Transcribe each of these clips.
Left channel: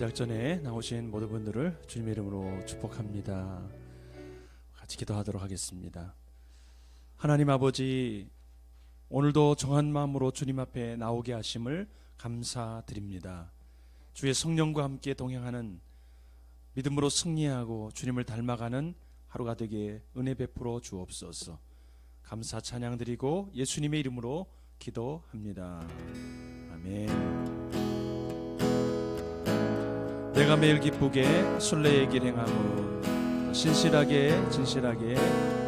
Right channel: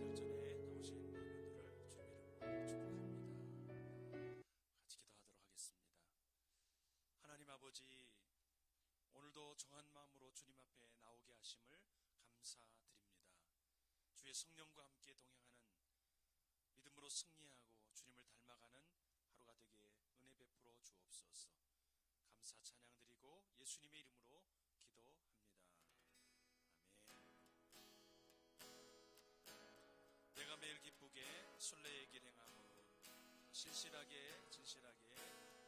작전에 나오신 모든 분들을 주님의 이름으로 축복합니다. 같이 기도하도록 하겠습니다. 하나님 아버지, 오늘도 정한 마음으로 주님 앞에 나오게 하심을 감사드립니다. 주의 성령과 함께 동행하는 믿음으로 승리하고 주님을 닮아가는 하루가 되게 은혜 베풀어 주옵소서. 감사 찬양 드리고 예수님의 이름으로 기도합니다. 아멘. 내가 매일 기쁘게 순례의 길 행함은 신실하게 진실하게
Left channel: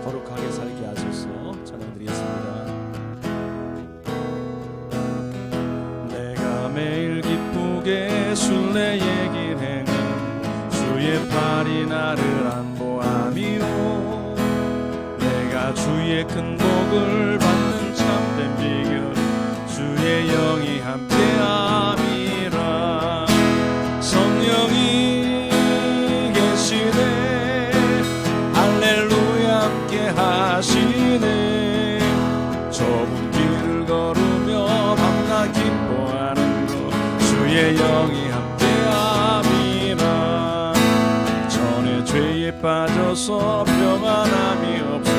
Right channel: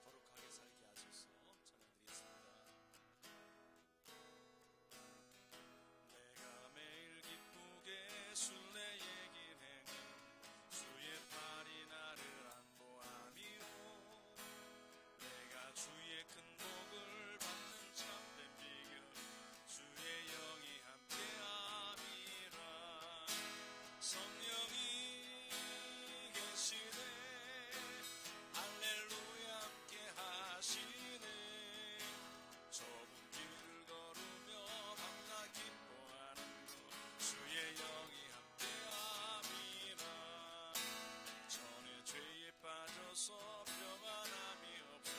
거룩하게 살게 하소서. 찬양드리겠습니다. 내가 매일 기쁘게 순례의 길 행함 주의 팔이 나를 안보함이요 내가 주의 큰 복을 받는 참된 비결 주의 영이 함께함이라. 성령이 계시네 할렐루야 함께 하시네. 좁은 길을 걸으며 밤낮 기뻐하는 것 주의 영이 함께함이라. 전에 죄에 빠져서 평안함이 없을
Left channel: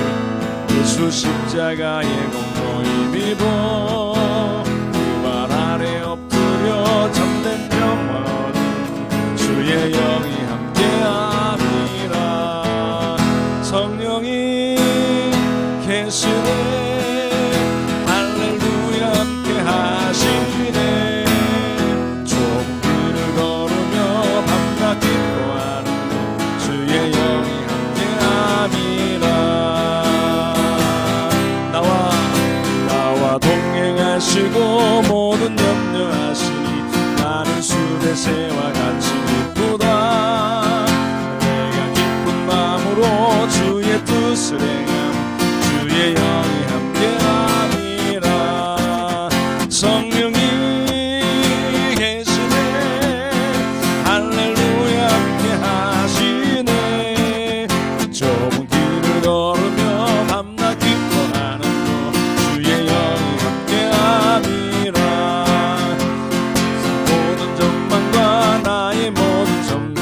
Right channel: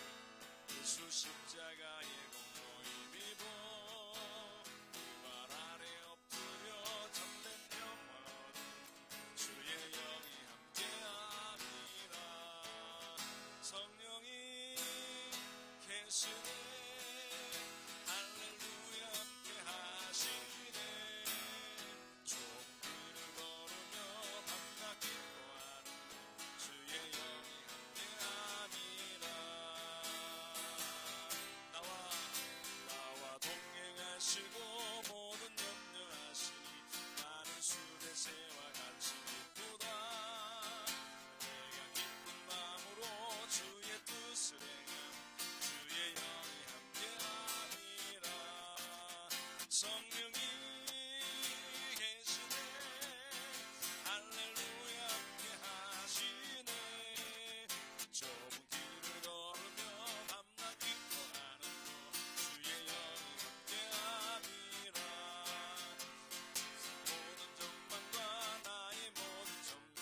예수 십자가의 공로이 비보 그 발 아래 엎드려 참된 평화 주의 영이 함께함이라. 성령이 계시네 할렐루야 함께 하시네. 좁은 길을 걸으며 밤낮 기뻐하는 주의 영이 함께함이라. 나와 동행하시고 모든 염려하시니 나는 수레새와 같이 기쁘다. 내가 기쁜 마음으로 주의 뜻을 행함 주의 영이 함께함이라. 성령이 계시네 할렐루야 함께하시네. 좁은 길을 걸으며 밤낮 기뻐하는 것 주의 영이 함께함이라. 모든 전망과 나의 모든 점령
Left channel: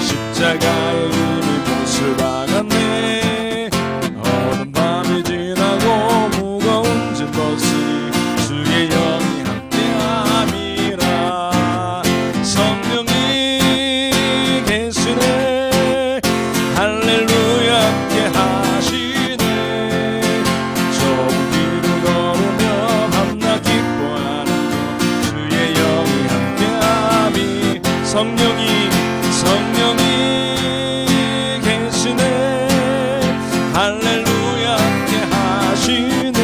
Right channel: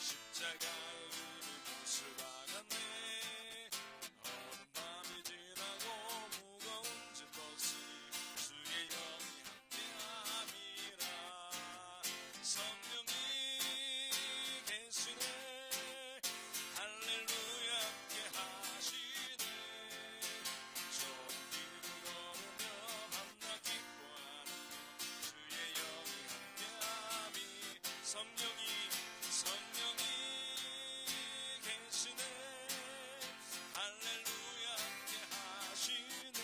십자가의 이미 몫을 박았네. 어두운 밤이 지나고 무거운 짐 벗으니 주의 영이 함께함이라. 성령이 계시네 할렐루야 함께하시네. 좁은 길을 걸으며 밤낮 기뻐하는 것 주의 영이 함께함이. 성령이 계시네 할렐루야 함께하시네.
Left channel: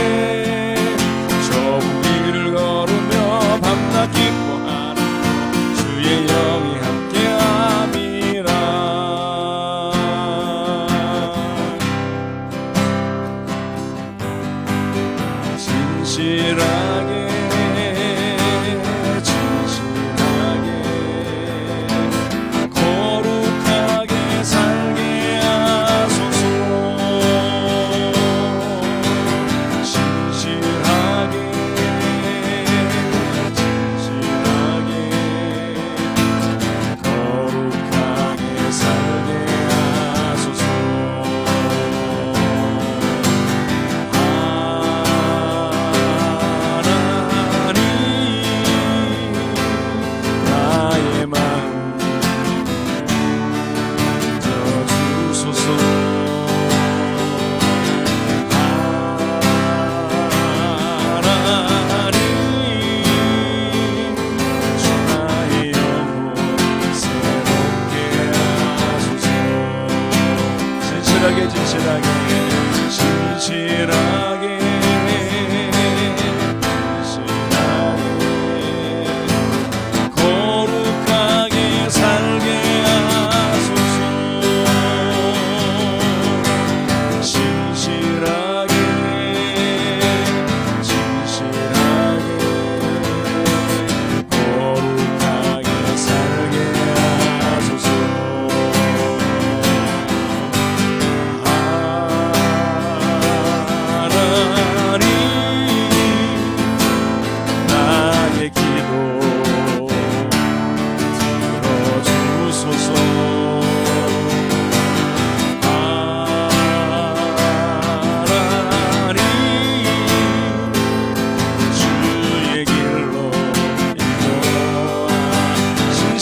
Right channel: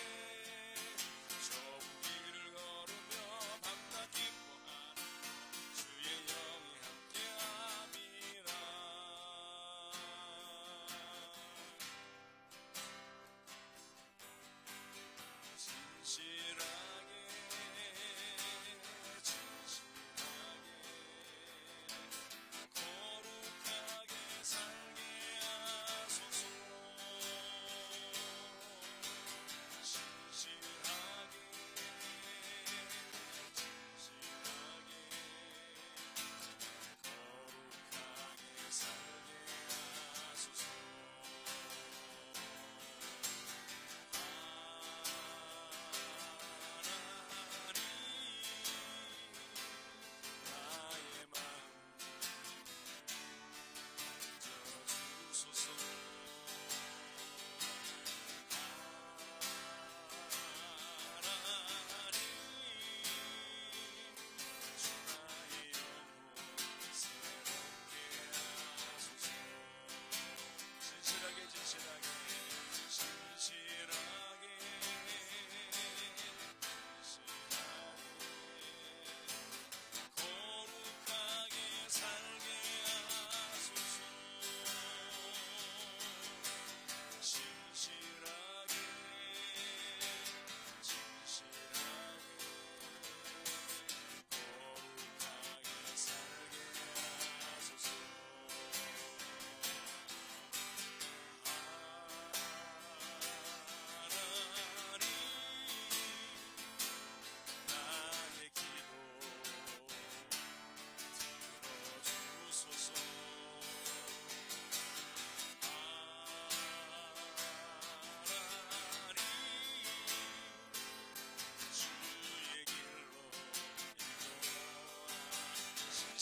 좁은 길을 걸으며 밤낮 기뻐하는 것 주의 영이 함께함이라. 진실하게 거룩하게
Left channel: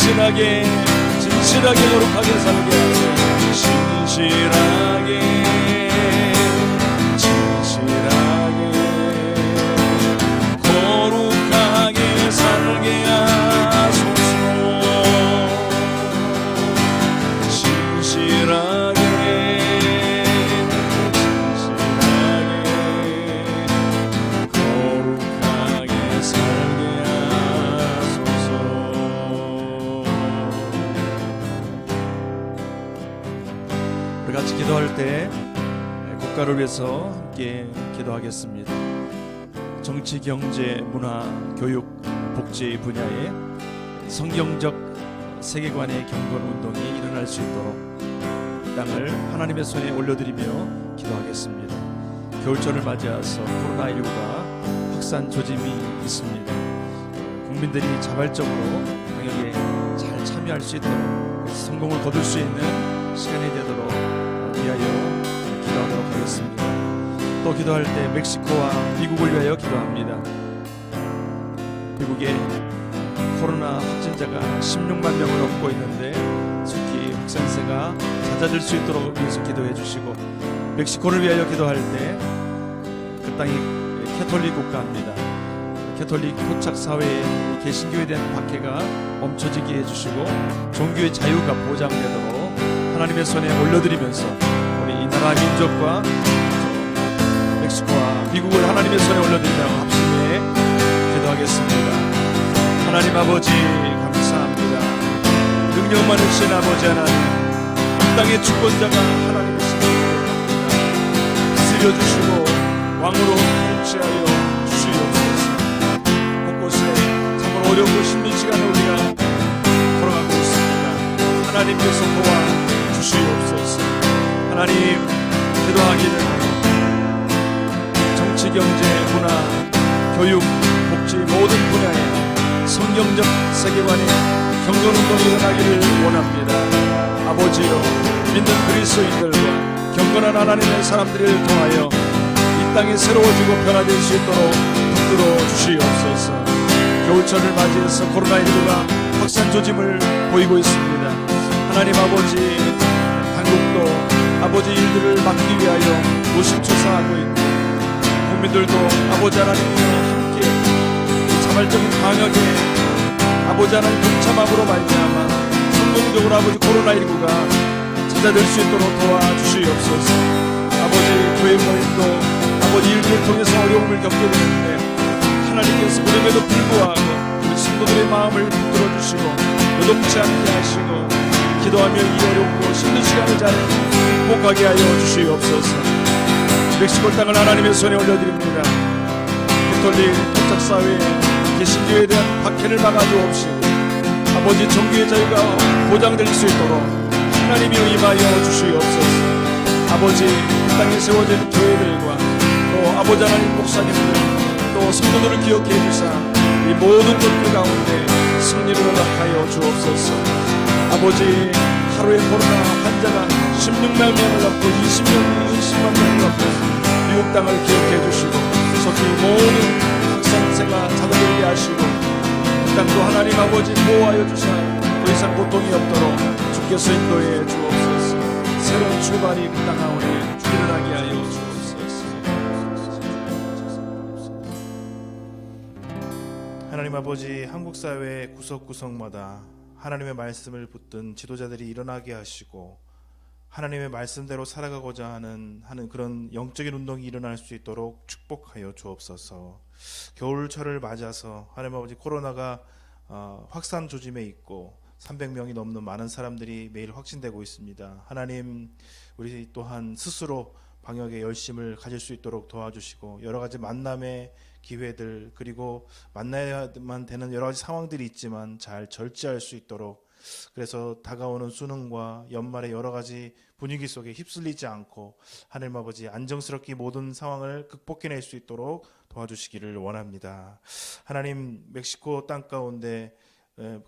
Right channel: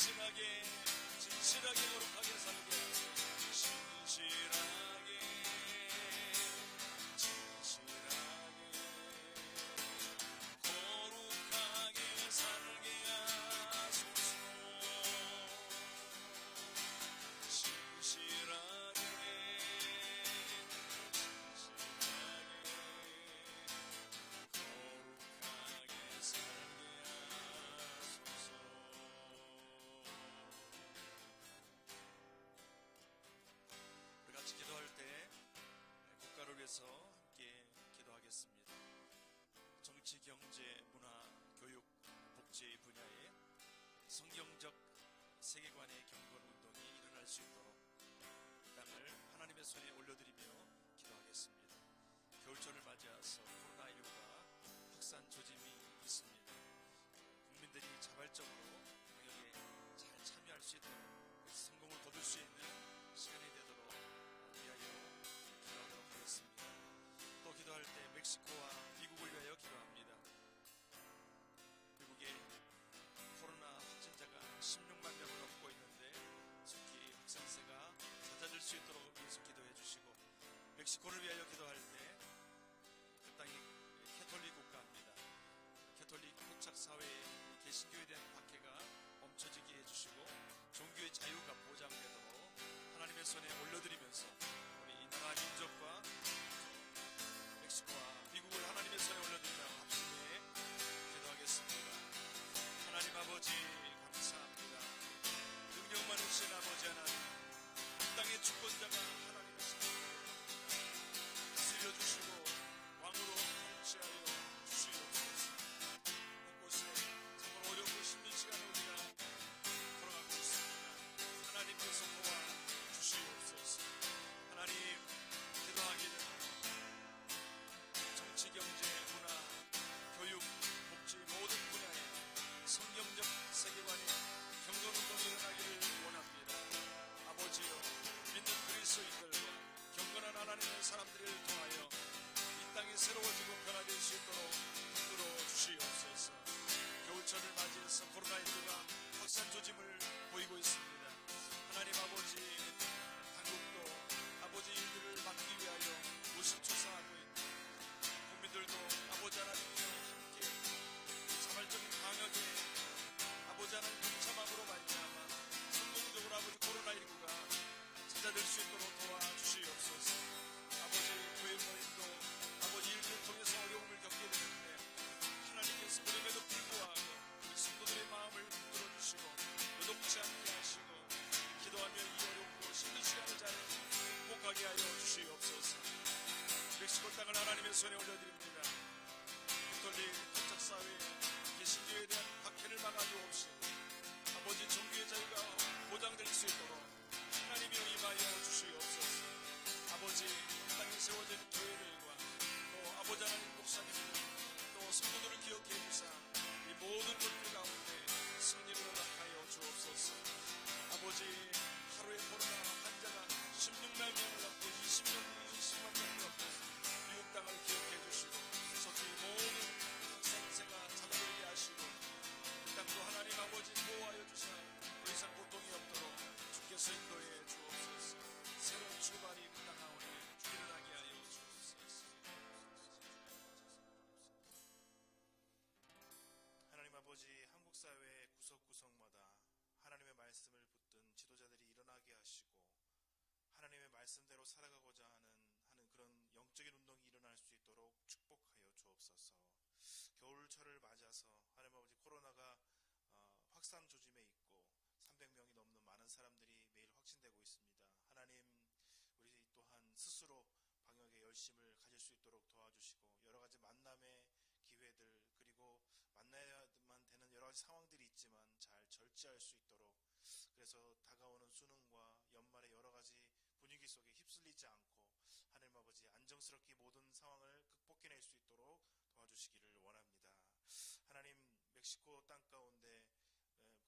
진실하게 거룩하게 살게 하소서. 진실하게 거룩하게 살게 하소서. 진실하게 거룩하게 살게 하소서. 우리 같이 기도할 때 국가를 위해서 함께 기도하겠습니다. 정치, 경제, 문화, 교육, 복지 분야에 성경적 세계관의 경건 운동이 일어날 수 있도록 땅을 하나님의 손에 올려드리며 기도하겠습니다. 겨울철을 맞이해서 코로나19가 확산 조짐이 있습니다. 국민들이 자발적으로 방역에 잘 참여할 수 있도록 성공을 거둘 수 있는 시간이 되도록 위하여 기도하도록 하겠습니다. 또 기도할 때 멕시코와 미국을 위하여 기도합니다. 미국에 코로나 확진자가 16만 명을 넘고 있는데 속히 확산세가 잦아들 수 있도록 위해서 기도해 주시고, 멕시코를 위하여 기도할 때 그 땅이 캐톨릭 국가입니다. 캐톨릭 토착 사회에 개신교에 대한 박해가 멈춰지게 해주시고 종교의 자유가 보장되도록 하나님의 손에 올려드리면서 우리 이 나라 민족과 멕시코와 미국을 하나님의 손에 올려드리며 합심해 기도하겠습니다. 하나님 아버지 감사합니다. 능력 많으신 아버지 하나님, 이 땅의 주권자가 하나님이십니다. 다스려주시고 왕으로 통치하여 주시옵소서. 곳곳에 정말 어렵고 힘든 시간을 우리가 걸어가고 있습니다. 하나님께서 도와주시옵소서. 하나님, 기도하기를 정치, 경제, 문화, 교육, 복지 모든 분야에 성경적 세계관의 경건운동이 일어나기를 원합니다. 아버지여, 믿는 그리스도인들과 경건한 하나님의 사람들을 통하여 이 땅이 새로워지고 변화될 수 있도록 붙들어 주시옵소서. 겨울철을 맞이해서 코로나19가 확산 조짐을 보이고 있습니다. 하나님 아버지, 한국도 아버지 일들을 막기 위하여 노심초사하고 있고, 국민들도 아버지 하나님과 함께 자발적인 방역에 아버지 하나님 동참함으로 말미암아 성공적으로 아버지 코로나19가 찾아낼 수 있도록 도와주시옵소서. 아버지, 교회 모임도 아버지 일들을 통해서 어려움을 겪게 되는데 하나님께서 그럼에도 불구하고 우리 성도들의 마음을 붙들어 주시고 요동치 않게 하시고 기도하며 이 어렵고 힘든 시간을 잘 극복하게 하여 주시옵소서. 멕시코 땅을 하나님의 손에 올려드립니다. 캐톨릭 토착사회에 개신교에 대한 박해를 막아주옵시고 아버지 종교의 자유가 보장될 수 있도록 하나님이 임하여 주시옵소서. 아버지, 이 땅에 세워진 교회들과 또 아버지 하나님 목사님들 또 성도들을 기억해 주사 이 모든 것들 가운데 승리를 허락하여 주옵소서. 아버지, 하루에 코로나 환자가 16만 명을 넘고 20만 명을 넘고 미국 땅을 기억해 주시고 속히 모든 확산세가 잦아들게 하시고 이 땅도 하나님 아버지 보호하여 주사 더 이상 고통이 없도록 주께서 인도해 주옵소서. 새로운 출발이 그 땅 가운데 일어나게 하여 주옵소서. 하나님 아버지, 한국 사회 구석구석마다 하나님의 말씀을 붙든 지도자들이 일어나게 하시고 하나님의 말씀대로 살아가고자 하는 그런 영적인 운동이 일어날 수 있도록 축복하여 주옵소서. 겨울철을 맞아서 하나님 아버지, 코로나가 확산 조짐에 있고 300명이 넘는 많은 사람들이 매일 확진되고 있습니다. 하나님, 우리 또한 스스로 방역에 열심을 가질 수 있도록 도와주시고 여러 가지 만남의 기회들 그리고 만나야만 되는 여러 가지 상황들이 있지만 잘 절제할 수 있도록, 그래서 다가오는 수능과 연말의 여러 가지 분위기 속에 휩쓸리지 않고 하나님 아버지 안정스럽게 모든 상황을 극복해낼 수 있도록 도와주시기를 원합니다. 하나님, 멕시코 땅 가운데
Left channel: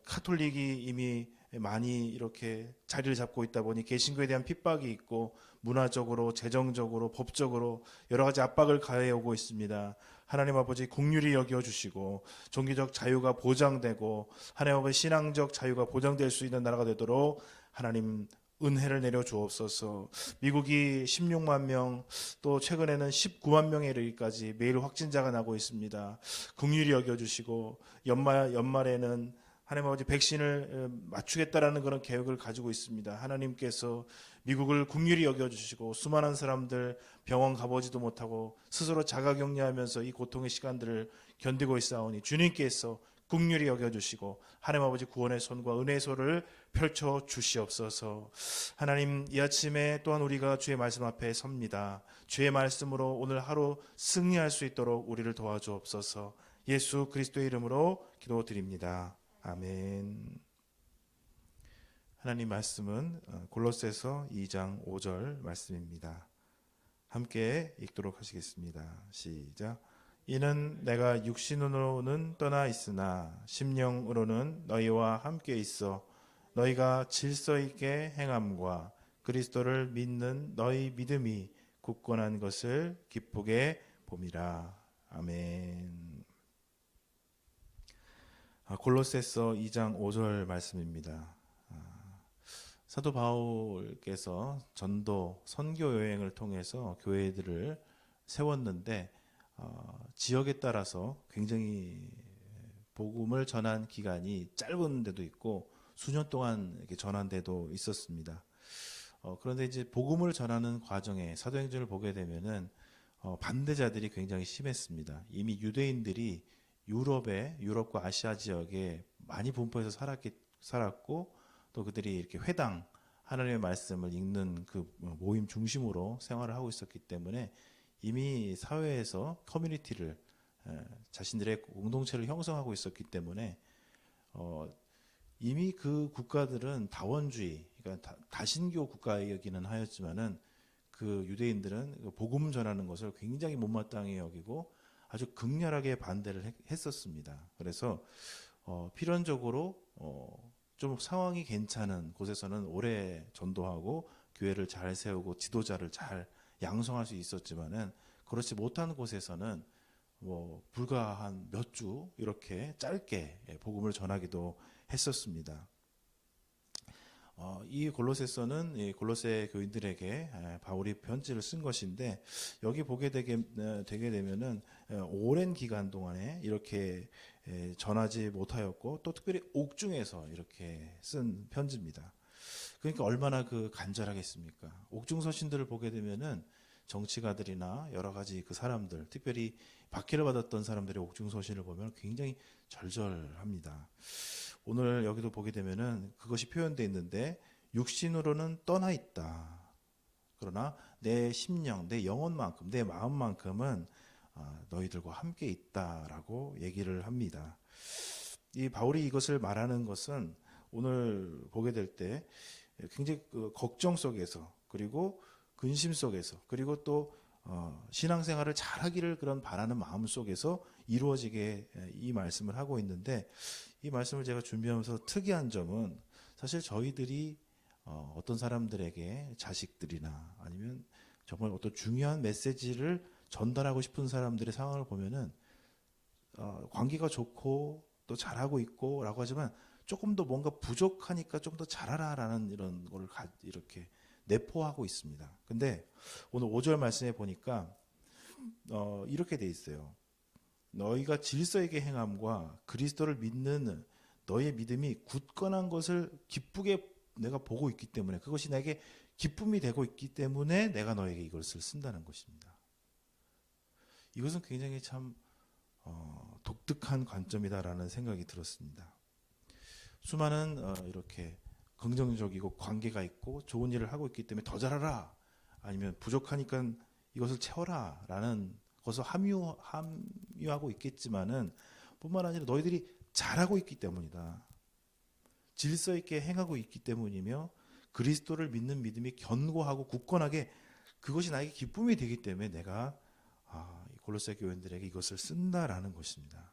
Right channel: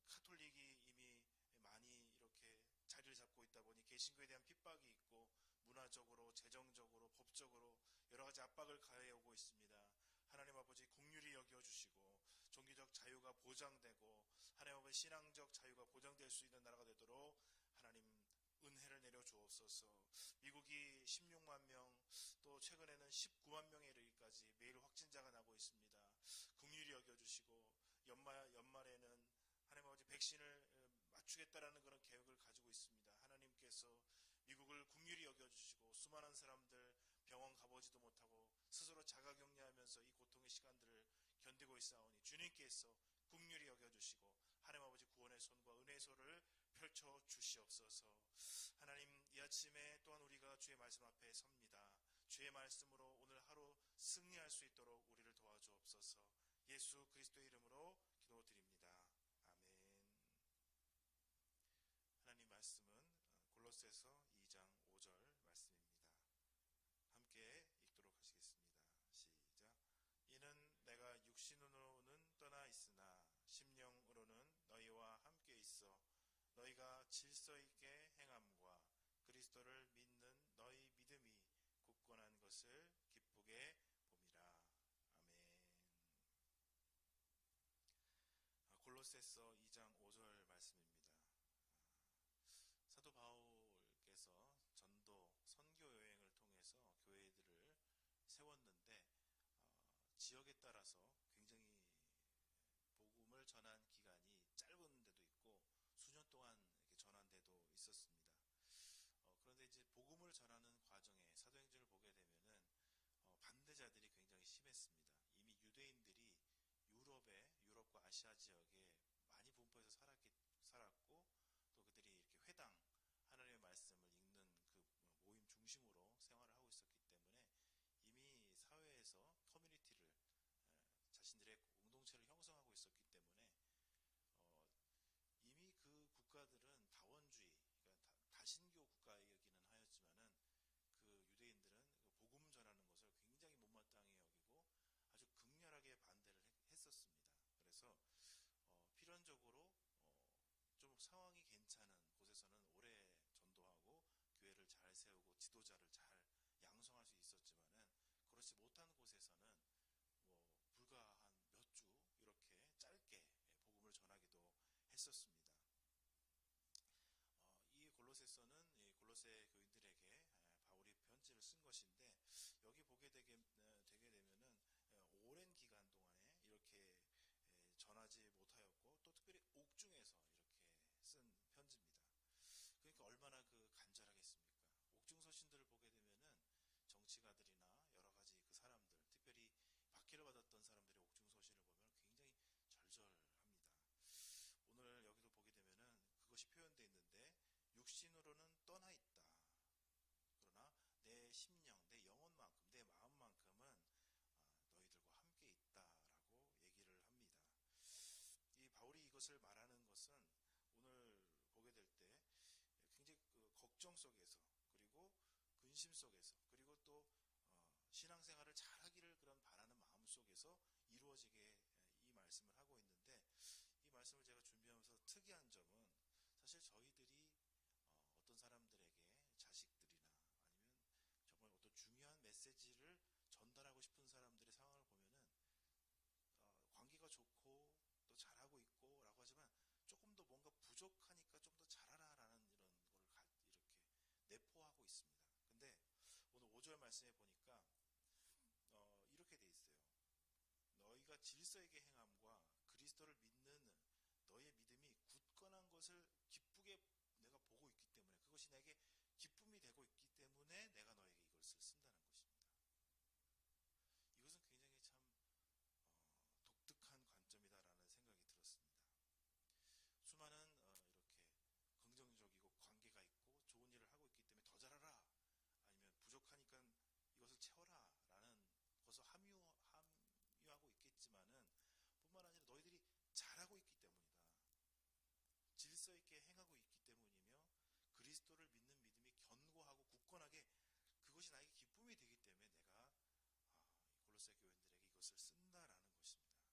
카톨릭이 이미 많이 이렇게 자리를 잡고 있다 보니 개신교에 대한 핍박이 있고 문화적으로, 재정적으로, 법적으로 여러 가지 압박을 가해오고 있습니다. 하나님 아버지 긍휼히 여겨주시고 종교적 자유가 보장되고 하나님 아버지 신앙적 자유가 보장될 수 있는 나라가 되도록 하나님 은혜를 내려 주옵소서. 미국이 16만 명, 또 최근에는 19만 명에 이르기까지 매일 확진자가 나고 있습니다. 긍휼히 여겨주시고 연말에는 하나님 아버지 백신을 맞추겠다라는 그런 계획을 가지고 있습니다. 하나님께서 미국을 긍휼히 여겨주시고 수많은 사람들 병원 가보지도 못하고 스스로 자가격리하면서 이 고통의 시간들을 견디고 있사오니 주님께서 긍휼히 여겨주시고 하나님 아버지 구원의 손과 은혜의 손을 펼쳐 주시옵소서. 하나님, 이 아침에 또한 우리가 주의 말씀 앞에 섭니다. 주의 말씀으로 오늘 하루 승리할 수 있도록 우리를 도와주옵소서. 예수 그리스도의 이름으로 기도드립니다. 아멘. 하나님 말씀은 골로새서 2장 5절 말씀입니다. 함께 읽도록 하시겠습니다. 시작. 이는 내가 육신으로는 떠나 있으나 심령으로는 너희와 함께 있어 너희가 질서 있게 행함과 그리스도를 믿는 너희 믿음이 굳건한 것을 기쁘게 봄이라. 아멘. 골로새서 2장 5절 말씀입니다. 사도 바울께서 전도 선교 여행을 통해서 교회들을 세웠는데 지역에 따라서 굉장히 복음을 전한 기간이 짧은 데도 있고 수년 동안 이렇게 전한 데도 있었습니다. 그런데 이제 복음을 전하는 과정에 사도행전을 보게 되면은 반대자들이 굉장히 심했습니다. 이미 유대인들이 유럽과 아시아 지역에 많이 분포해서 살았고 또 그들이 이렇게 회당 하나님의 말씀을 읽는 그 모임 중심으로 생활을 하고 있었기 때문에 이미 사회에서 커뮤니티를 자신들의 공동체를 형성하고 있었기 때문에 이미 그 국가들은 다원주의, 그러니까 다신교 국가이기는 하였지만은 그 유대인들은 복음 전하는 것을 굉장히 못마땅히 여기고 아주 극렬하게 반대를 했었습니다. 그래서 필연적으로 좀 상황이 괜찮은 곳에서는 오래 전도하고 교회를 잘 세우고 지도자를 잘 양성할 수 있었지만은 그렇지 못한 곳에서는 불과 한 몇 주 이렇게 짧게 복음을 전하기도 했었습니다. 이 골로새서는 이 골로새 교인들에게 바울이 편지를 쓴 것인데 여기 보게 되게 되면은 오랜 기간 동안에 이렇게 전하지 못하였고 또 특별히 옥중에서 이렇게 쓴 편지입니다. 그러니까 얼마나 그 간절하겠습니까? 옥중 서신들을 보게 되면은 정치가들이나 여러 가지 그 사람들, 특별히 박해를 받았던 사람들의 옥중 서신을 보면 굉장히 절절합니다. 오늘 여기도 보게 되면은 그것이 표현되어 있는데 육신으로는 떠나 있다. 그러나 내 심령, 내 영혼만큼, 내 마음만큼은 너희들과 함께 있다라고 얘기를 합니다. 이 바울이 이것을 말하는 것은 오늘 보게 될 때 굉장히 그 걱정 속에서 그리고 근심 속에서 그리고 또 신앙생활을 잘하기를 그런 바라는 마음 속에서 이루어지게 이 말씀을 하고 있는데 이 말씀을 제가 준비하면서 특이한 점은 사실 저희들이 어떤 사람들에게 자식들이나 아니면 정말 어떤 중요한 메시지를 전달하고 싶은 사람들의 상황을 보면은 관계가 좋고 또 잘하고 있고 라고 하지만 조금 더 뭔가 부족하니까 좀 더 잘하라라는 이런 걸 이렇게 내포하고 있습니다. 근데 오늘 5절 말씀에 보니까 이렇게 돼 있어요. 너희가 질서 있게 행함과 그리스도를 믿는 너희의 믿음이 굳건한 것을 기쁘게 내가 보고 있기 때문에 그것이 내게 기쁨이 되고 있기 때문에 내가 너에게 이것을 쓴다는 것입니다. 이것은 굉장히 참 독특한 관점이다라는 생각이 들었습니다. 수많은 이렇게 긍정적이고 관계가 있고 좋은 일을 하고 있기 때문에 더 잘하라 아니면 부족하니까 이것을 채워라 라는 것을 함유하고 있겠지만은 뿐만 아니라 너희들이 잘하고 있기 때문이다. 질서 있게 행하고 있기 때문이며 그리스도를 믿는 믿음이 견고하고 굳건하게 그것이 나에게 기쁨이 되기 때문에 내가 골로새 교인들에게 이것을 쓴다라는 것입니다.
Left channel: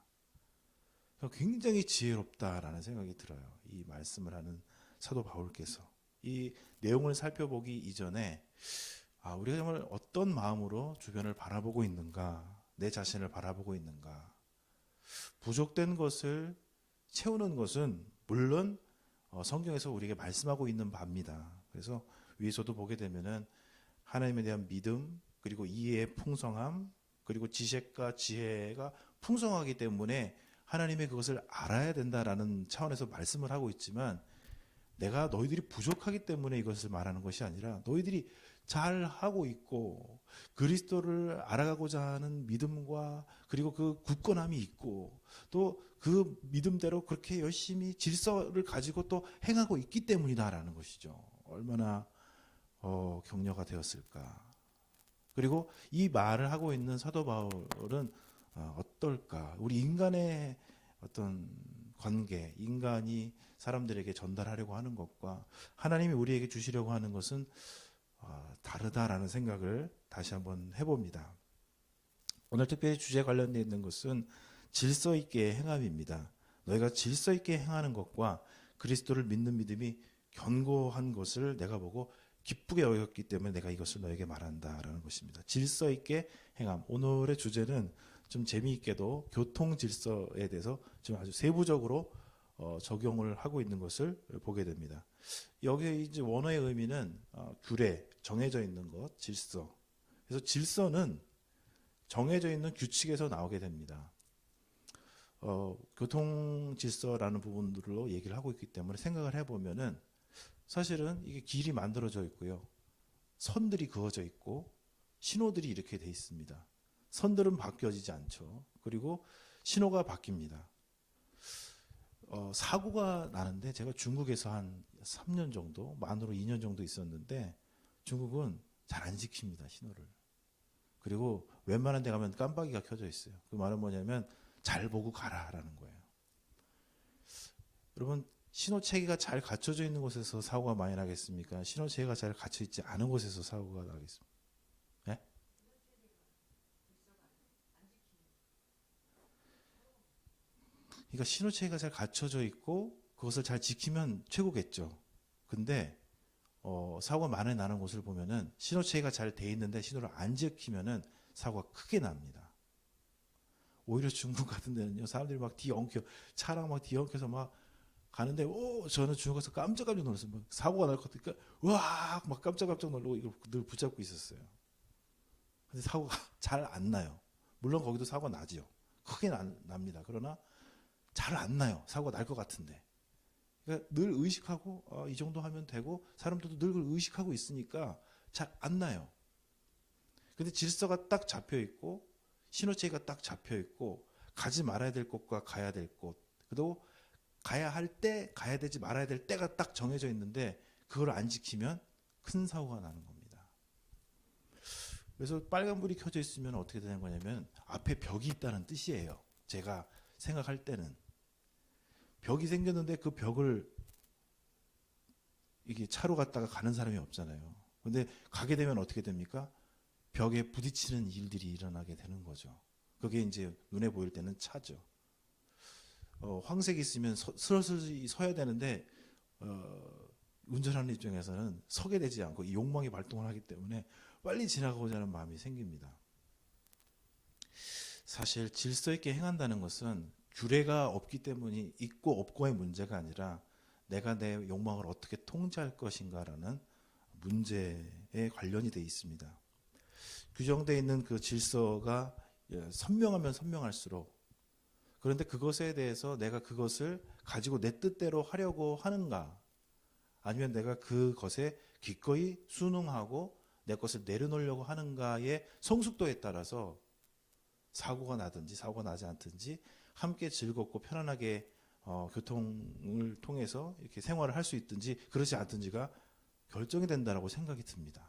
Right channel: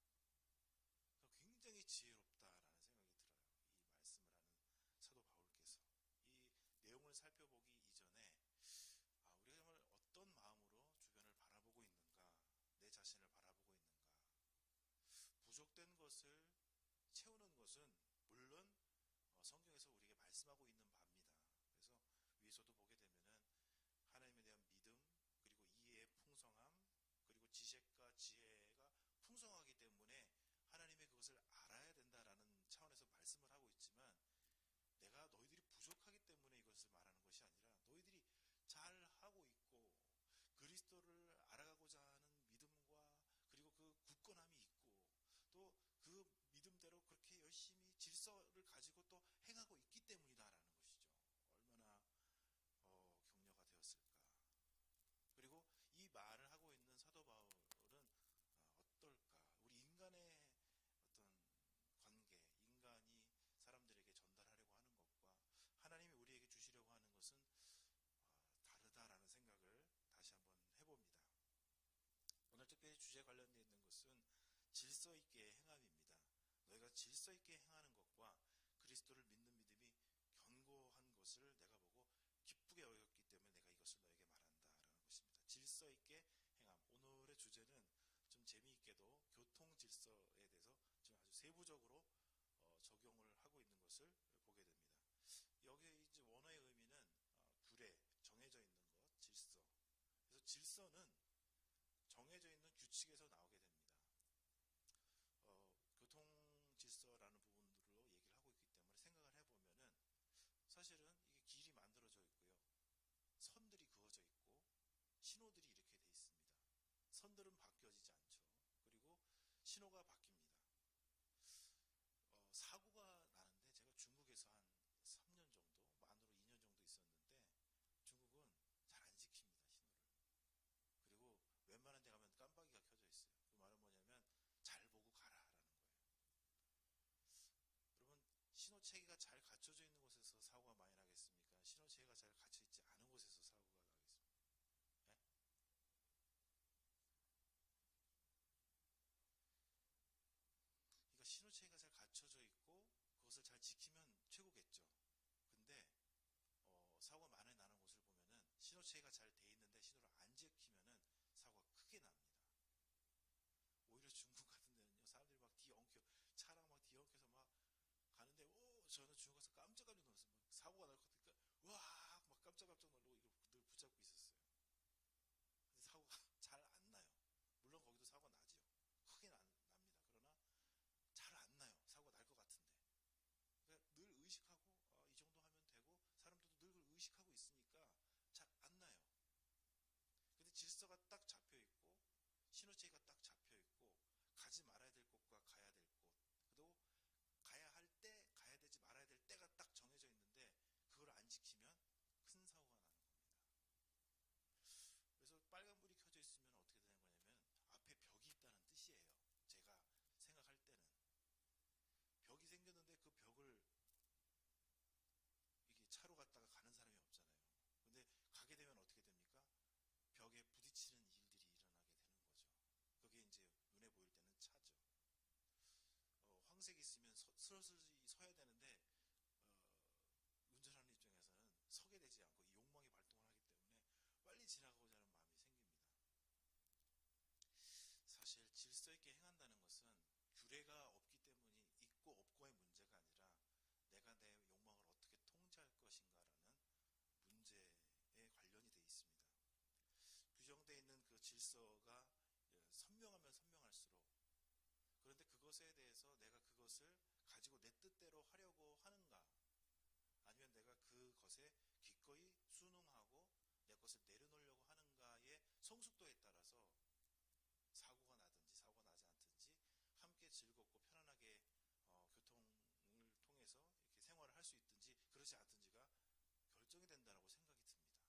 굉장히 지혜롭다라는 생각이 들어요. 이 말씀을 하는 사도 바울께서 이 내용을 살펴보기 이전에 우리가 정말 어떤 마음으로 주변을 바라보고 있는가 내 자신을 바라보고 있는가? 부족된 것을 채우는 것은 물론 성경에서 우리에게 말씀하고 있는 바입니다. 그래서 위에서도 보게 되면은 하나님에 대한 믿음, 그리고 이해의 풍성함, 그리고 지식과 지혜가 풍성하기 때문에 하나님의 그것을 알아야 된다라는 차원에서 말씀을 하고 있지만, 내가 너희들이 부족하기 때문에 이것을 말하는 것이 아니라 너희들이 잘 하고 있고 그리스도를 알아가고자 하는 믿음과 그리고 그 굳건함이 있고 또 그 믿음대로 그렇게 열심히 질서를 가지고 또 행하고 있기 때문이다라는 것이죠. 얼마나 격려가 되었을까. 그리고 이 말을 하고 있는 사도 바울은 어떨까? 우리 인간의 어떤 관계, 인간이 사람들에게 전달하려고 하는 것과 하나님이 우리에게 주시려고 하는 것은 다르다라는 생각을 다시 한번 해봅니다. 오늘 특별히 주제에 관련되어 있는 것은 질서 있게 행함입니다. 너희가 질서 있게 행하는 것과 그리스도를 믿는 믿음이 견고한 것을 내가 보고 기쁘게 여겼기 때문에 내가 이것을 너에게 말한다라는 것입니다. 질서 있게 행함. 오늘의 주제는 좀 재미있게도 교통 질서에 대해서 좀 아주 세부적으로 적용을 하고 있는 것을 보게 됩니다. 여기 이제 원어의 의미는 규례, 정해져 있는 것, 질서. 그래서 질서는 정해져 있는 규칙에서 나오게 됩니다. 교통 질서라는 부분들로 얘기를 하고 있기 때문에 생각을 해보면은 사실은 이게 길이 만들어져 있고요. 선들이 그어져 있고 신호들이 이렇게 돼 있습니다. 선들은 바뀌어지지 않죠. 그리고 신호가 바뀝니다. 사고가 나는데 제가 중국에서 한 3년 정도, 만으로 2년 정도 있었는데 중국은 잘 안 지킵니다, 신호를. 그리고 웬만한 데 가면 깜빡이가 켜져 있어요. 그 말은 뭐냐면 잘 보고 가라라는 거예요. 여러분, 신호 체계가 잘 갖춰져 있는 곳에서 사고가 많이 나겠습니까? 신호 체계가 잘 갖춰 있지 않은 곳에서 사고가 나겠습니까? 네? 그러니까 신호 체계가 잘 갖춰져 있고 그것을 잘 지키면 최고겠죠. 근데 사고가 많이 나는 곳을 보면은 신호 체계가 잘 돼 있는데 신호를 안 지키면은 사고가 크게 납니다. 오히려 중국 같은 데는요, 사람들이 막 뒤엉켜, 차랑 막 뒤엉켜서 막 가는데, 저는 중국에서 깜짝 놀랐어요. 막 사고가 날 것 같으니까, 와, 막 깜짝 놀라고 이걸 늘 붙잡고 있었어요. 근데 사고가 잘 안 나요. 물론 거기도 사고가 나지요. 크게 납니다. 그러나 잘 안 나요. 사고가 날 것 같은데. 그러니까 늘 의식하고, 이 정도 하면 되고, 사람들도 늘 그걸 의식하고 있으니까 잘 안 나요. 근데 질서가 딱 잡혀 있고, 신호체계가 딱 잡혀 있고, 가지 말아야 될 곳과 가야 될 곳, 그리고 가야 할 때, 가야 되지 말아야 될 때가 딱 정해져 있는데 그걸 안 지키면 큰 사고가 나는 겁니다. 그래서 빨간불이 켜져 있으면 어떻게 되는 거냐면 앞에 벽이 있다는 뜻이에요. 제가 생각할 때는 벽이 생겼는데 그 벽을 이게 차로 갔다가 가는 사람이 없잖아요. 근데 가게 되면 어떻게 됩니까? 벽에 부딪히는 일들이 일어나게 되는 거죠. 그게 이제 눈에 보일 때는 차죠. 황색이 있으면 스러스리 서야 되는데 운전하는 입장에서는 서게 되지 않고 이 욕망이 발동을 하기 때문에 빨리 지나가고자 하는 마음이 생깁니다. 사실 질서 있게 행한다는 것은 규례가 없기 때문이 있고 없고의 문제가 아니라 내가 내 욕망을 어떻게 통제할 것인가라는 문제에 관련이 되어 있습니다. 규정되어 있는 그 질서가 선명하면 선명할수록, 그런데 그것에 대해서 내가 그것을 가지고 내 뜻대로 하려고 하는가, 아니면 내가 그것에 기꺼이 순응하고 내 것을 내려놓으려고 하는가의 성숙도에 따라서 사고가 나든지 사고가 나지 않든지 함께 즐겁고 편안하게 교통을 통해서 이렇게 생활을 할 수 있든지 그렇지 않든지가 결정이 된다라고 생각이 듭니다.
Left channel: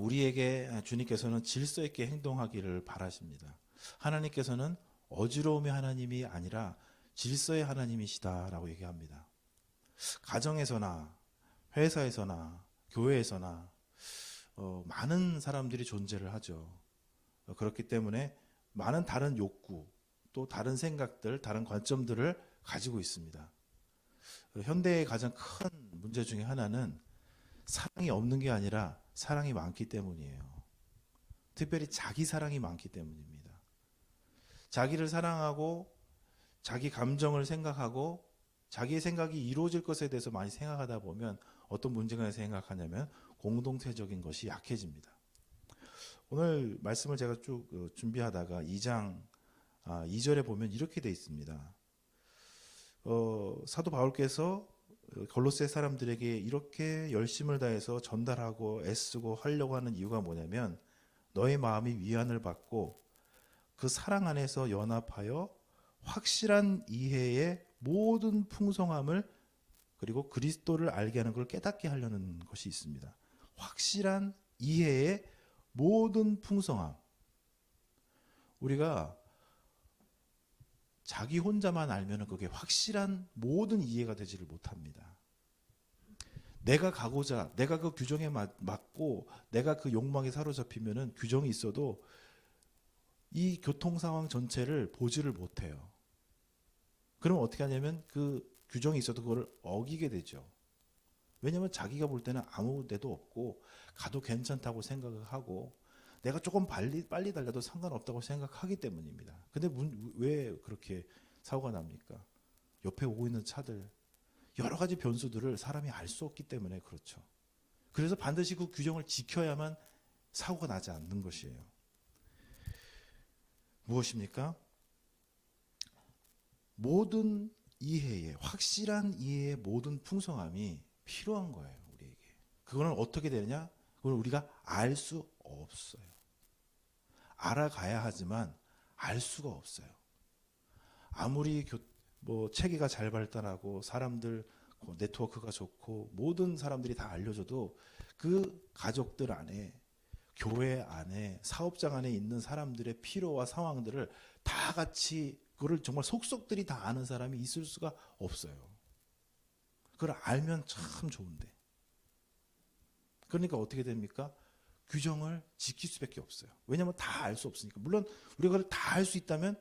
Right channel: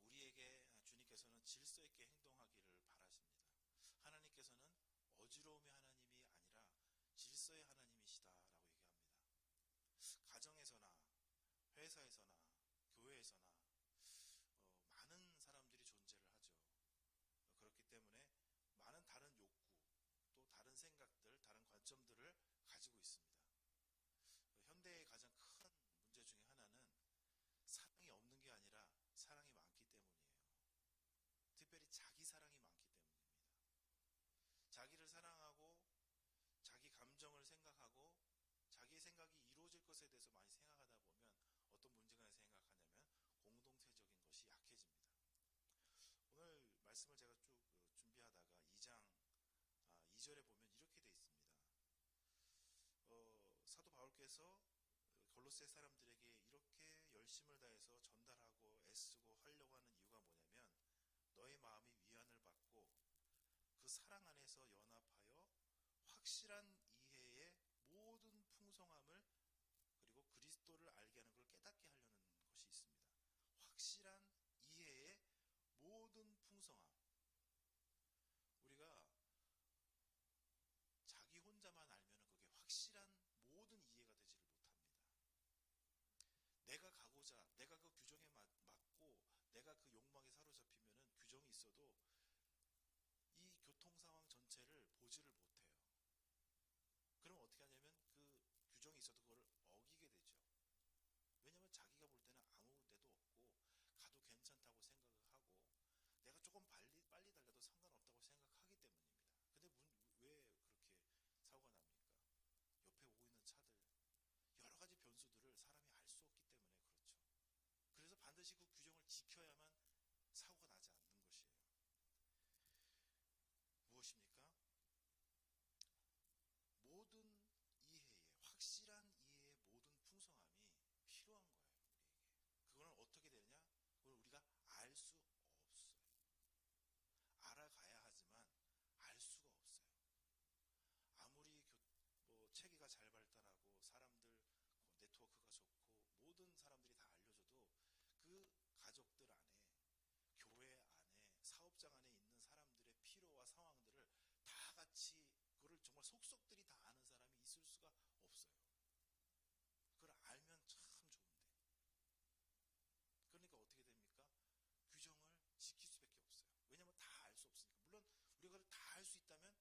우리에게 주님께서는 질서 있게 행동하기를 바라십니다. 하나님께서는 어지러움의 하나님이 아니라 질서의 하나님이시다라고 얘기합니다. 가정에서나 회사에서나 교회에서나 많은 사람들이 존재를 하죠. 그렇기 때문에 많은 다른 욕구, 또 다른 생각들, 다른 관점들을 가지고 있습니다. 현대의 가장 큰 문제 중에 하나는 사랑이 없는 게 아니라 사랑이 많기 때문이에요. 특별히 자기 사랑이 많기 때문입니다. 자기를 사랑하고 자기 감정을 생각하고 자기의 생각이 이루어질 것에 대해서 많이 생각하다 보면 어떤 문제가 생각하냐면 공동체적인 것이 약해집니다. 오늘 말씀을 제가 쭉 준비하다가 2장 2절에 보면 이렇게 돼 있습니다. 사도 바울께서 골로새 사람들에게 이렇게 열심을 다해서 전달하고 애쓰고 하려고 하는 이유가 뭐냐면 너의 마음이 위안을 받고 그 사랑 안에서 연합하여 확실한 이해의 모든 풍성함을 그리고 그리스도를 알게 하는 걸 깨닫게 하려는 것이 있습니다. 확실한 이해의 모든 풍성함. 우리가 자기 혼자만 알면 그게 확실한 모든 이해가 되지를 못합니다. 내가 가고자, 내가 그 규정에 맞고 내가 그 욕망에 사로잡히면은 규정이 있어도 이 교통 상황 전체를 보지를 못해요. 그럼 어떻게 하냐면 그 규정이 있어도 그걸 어기게 되죠. 왜냐하면 자기가 볼 때는 아무 데도 없고 가도 괜찮다고 생각을 하고 내가 조금 빨리 달려도 상관없다고 생각하기 때문입니다. 근데 왜 그렇게 사고가 납니까? 옆에 오고 있는 차들, 여러 가지 변수들을 사람이 알 수 없기 때문에 그렇죠. 그래서 반드시 그 규정을 지켜야만 사고가 나지 않는 것이에요. 무엇입니까? 모든 이해의, 확실한 이해의 모든 풍성함이 필요한 거예요, 우리에게. 그거는 어떻게 되느냐? 그걸 우리가 알 수 없어요. 알아가야 하지만 알 수가 없어요. 아무리 체계가 잘 발달하고 사람들 네트워크가 좋고 모든 사람들이 다 알려줘도 그 가족들 안에, 교회 안에, 사업장 안에 있는 사람들의 필요와 상황들을 다 같이 그걸 정말 속속들이 다 아는 사람이 있을 수가 없어요. 그걸 알면 참 좋은데. 그러니까 어떻게 됩니까? 규정을 지킬 수밖에 없어요. 왜냐하면 다 알 수 없으니까. 물론 우리가 그걸 다 알 수 있다면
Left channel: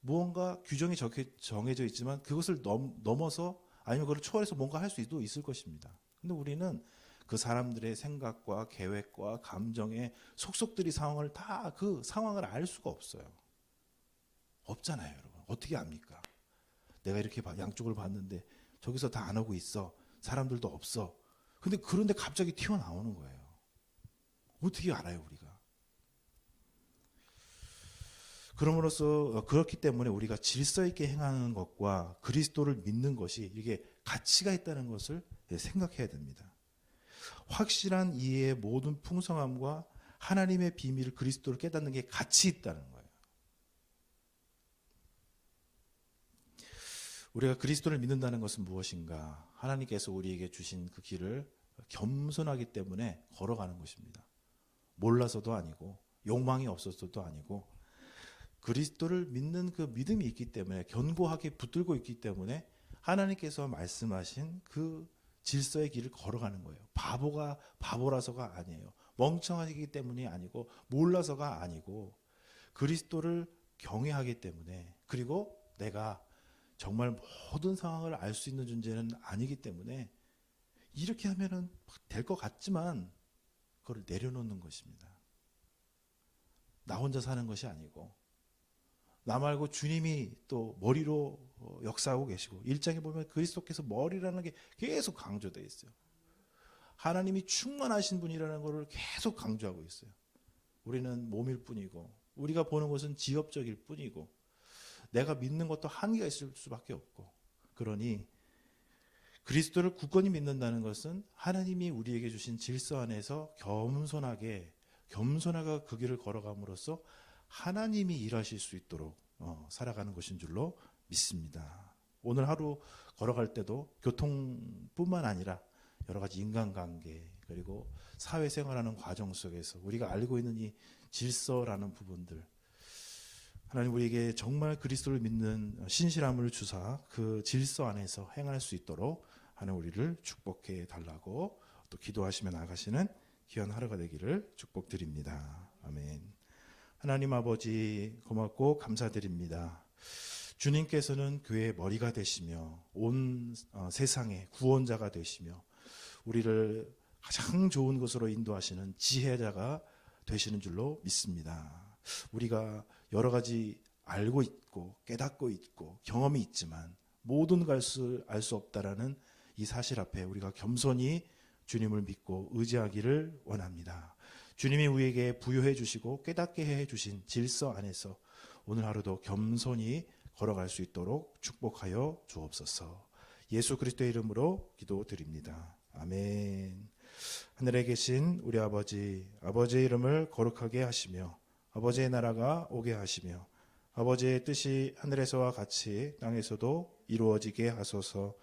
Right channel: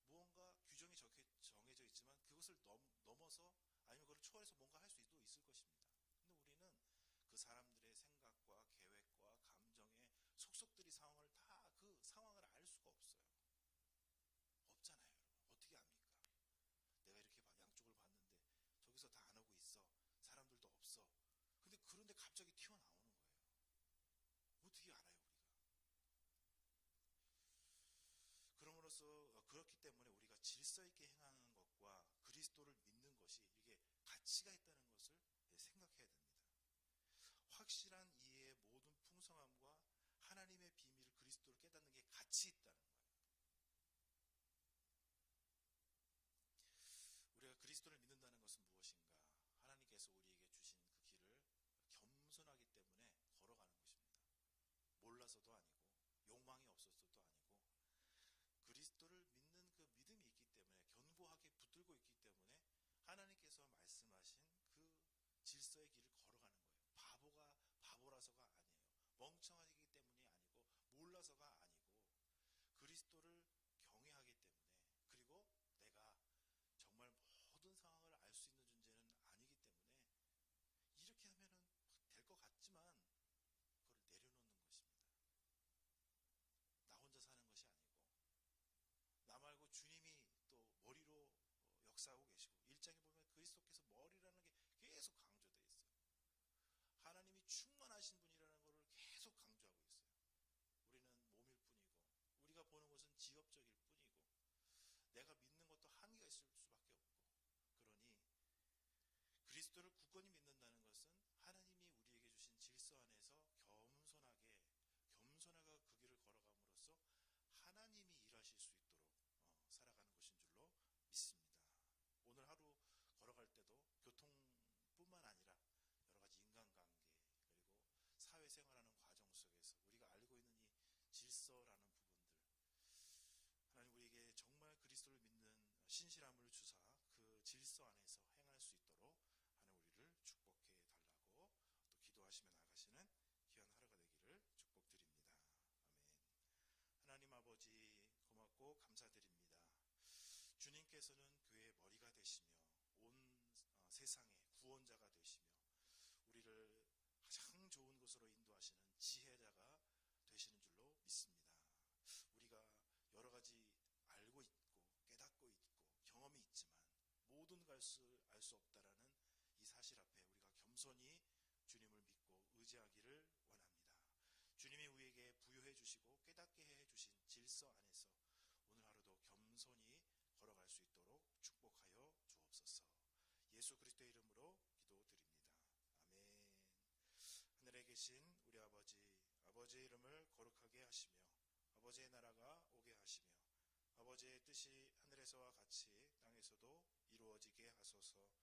무언가 규정이 정해져 있지만 그것을 넘어서 아니면 그걸 초월해서 뭔가 할 수도 있을 것입니다. 근데 우리는 그 사람들의 생각과 계획과 감정의 속속들이 상황을 다 그 상황을 알 수가 없어요. 없잖아요, 여러분. 어떻게 압니까? 내가 이렇게 양쪽을 봤는데 저기서 다 안 오고 있어. 사람들도 없어. 근데 그런데 갑자기 튀어나오는 거예요. 어떻게 알아요, 우리가? 그럼으로써 그렇기 때문에 우리가 질서 있게 행하는 것과 그리스도를 믿는 것이 이게 가치가 있다는 것을 생각해야 됩니다. 확실한 이해의 모든 풍성함과 하나님의 비밀 그리스도를 깨닫는 게 가치 있다는 거예요. 우리가 그리스도를 믿는다는 것은 무엇인가? 하나님께서 우리에게 주신 그 길을 겸손하기 때문에 걸어가는 것입니다. 몰라서도 아니고 욕망이 없어서도 아니고 그리스도를 믿는 그 믿음이 있기 때문에 견고하게 붙들고 있기 때문에 하나님께서 말씀하신 그 질서의 길을 걸어가는 거예요. 바보라서가 아니에요. 멍청하기 때문이 아니고 몰라서가 아니고 그리스도를 경외하기 때문에 그리고 내가 정말 모든 상황을 알 수 있는 존재는 아니기 때문에 이렇게 하면은 될 것 같지만 그걸 내려놓는 것입니다. 나 혼자 사는 것이 아니고 나 말고 주님이 또 머리로 역사하고 계시고 1장에 보면 그리스도께서 머리라는 게 계속 강조되어 있어요. 하나님이 충만하신 분이라는 것을 계속 강조하고 있어요. 우리는 몸일 뿐이고 우리가 보는 것은 지엽적일 뿐이고 내가 믿는 것도 한계가 있을 수밖에 없고 그러니 그리스도를 굳건히 믿는다는 것은 하나님이 우리에게 주신 질서 안에서 겸손하게 그 길을 걸어감으로써 하나님이 일하실 수 있도록 살아가는 것인 줄로 믿습니다. 오늘 하루 걸어갈 때도 교통뿐만 아니라 여러 가지 인간관계 그리고 사회생활하는 과정 속에서 우리가 알고 있는 이 질서라는 부분들 하나님 우리에게 정말 그리스도를 믿는 신실함을 주사 그 질서 안에서 행할 수 있도록 하나님 우리를 축복해 달라고 또 기도하시며 나가시는 귀한 하루가 되기를 축복드립니다. 아멘. 하나님 아버지 고맙고 감사드립니다. 주님께서는 교회의 머리가 되시며 온 세상의 구원자가 되시며 우리를 가장 좋은 것으로 인도하시는 지혜자가 되시는 줄로 믿습니다. 우리가 여러 가지 알고 있고 깨닫고 있고 경험이 있지만 모든 것을 알 수 없다라는 이 사실 앞에 우리가 겸손히 주님을 믿고 의지하기를 원합니다. 주님이 우리에게 부여해 주시고 깨닫게 해 주신 질서 안에서 오늘 하루도 겸손히 걸어갈 수 있도록 축복하여 주옵소서. 예수 그리스도의 이름으로 기도드립니다. 아멘. 하늘에 계신 우리 아버지, 아버지의 이름을 거룩하게 하시며 아버지의 나라가 오게 하시며 아버지의 뜻이 하늘에서와 같이 땅에서도 이루어지게 하소서.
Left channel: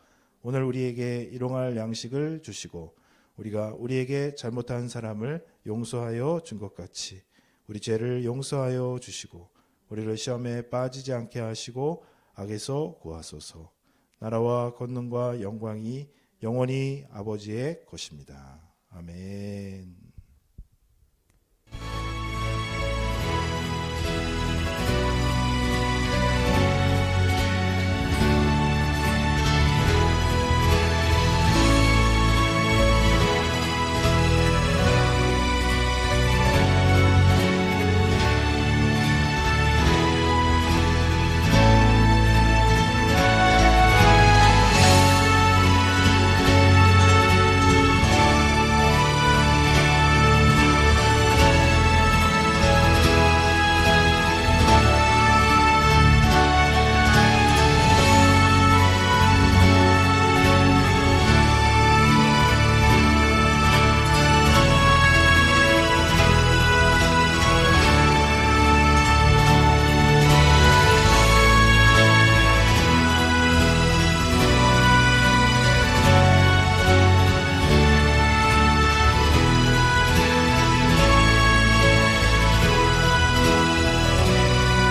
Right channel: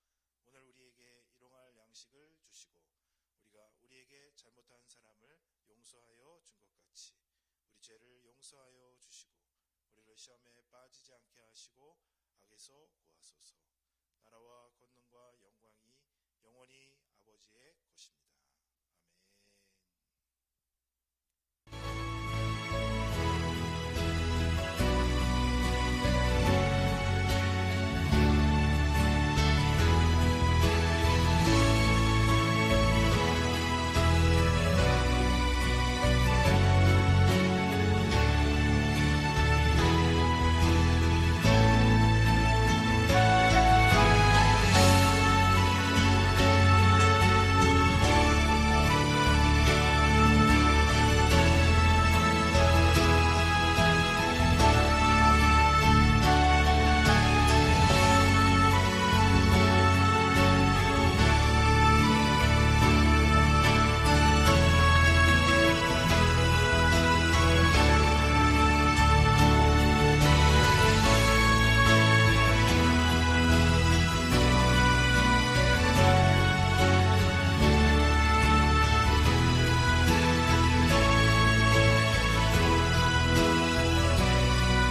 오늘 우리에게 일용할 양식을 주시고 우리가 우리에게 잘못한 사람을 용서하여 준 것 같이 우리 죄를 용서하여 주시고 우리를 시험에 빠지지 않게 하시고 악에서 구하소서. 나라와 권능과 영광이 영원히 아버지의 것입니다. 아멘.